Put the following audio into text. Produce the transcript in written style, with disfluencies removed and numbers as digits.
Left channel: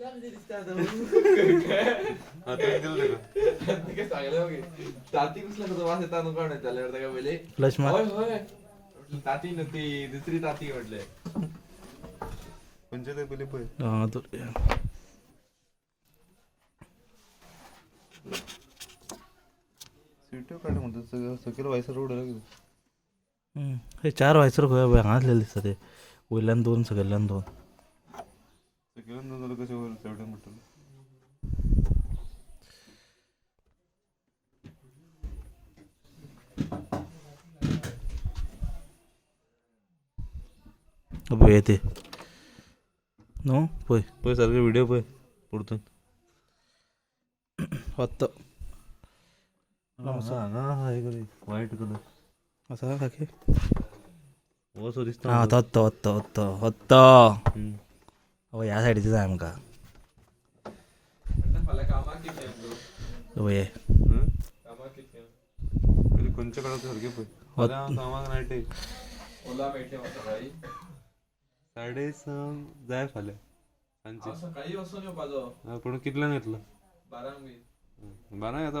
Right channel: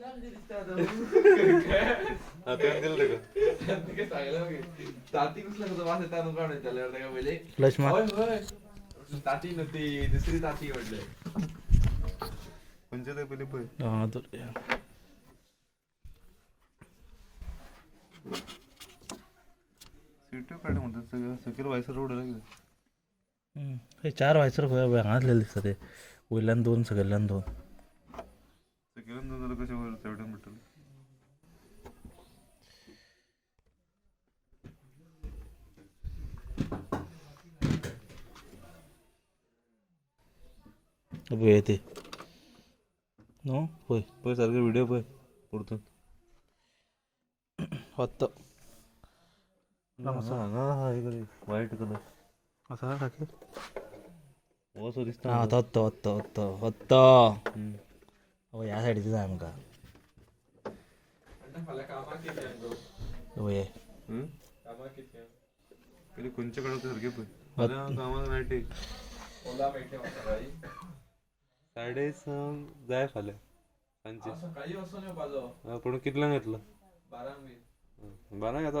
ताती नव्हती दुसरी ताती म्हटले म्हणजे पहिले सीटो काढ म्हणतात सगळं सगळं व्हायचं रोड हे 4 व्हायचं हांगासलेलं दिसतं ते वयल्यान 2 सगळ्यान 2 सगळ्यान 2 झालं कशा चवड्यान म्हटलं येते नो पळय पळय सारखं व्हिडिओ पळय पुढतून होत व्हाईट कलर असा टाके असं दिसतं हां होत ह्या सायडीचं जाय आमकां वय कोणच्या काळात सारखे पळय सामान नाही ओला भेटले साडे जाय फाल्या सांची सकाळी वाजता पण कितल्यान येतला 12 घेतला